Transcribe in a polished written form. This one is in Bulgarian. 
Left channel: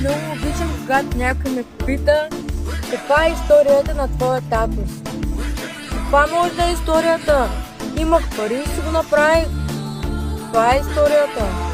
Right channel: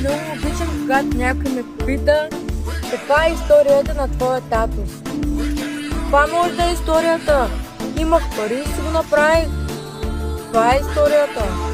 Много обичам, когато някой ме пита каква е историята на твоя татус. Каква може да е историята? Имах пари и си го направих. Това е историята.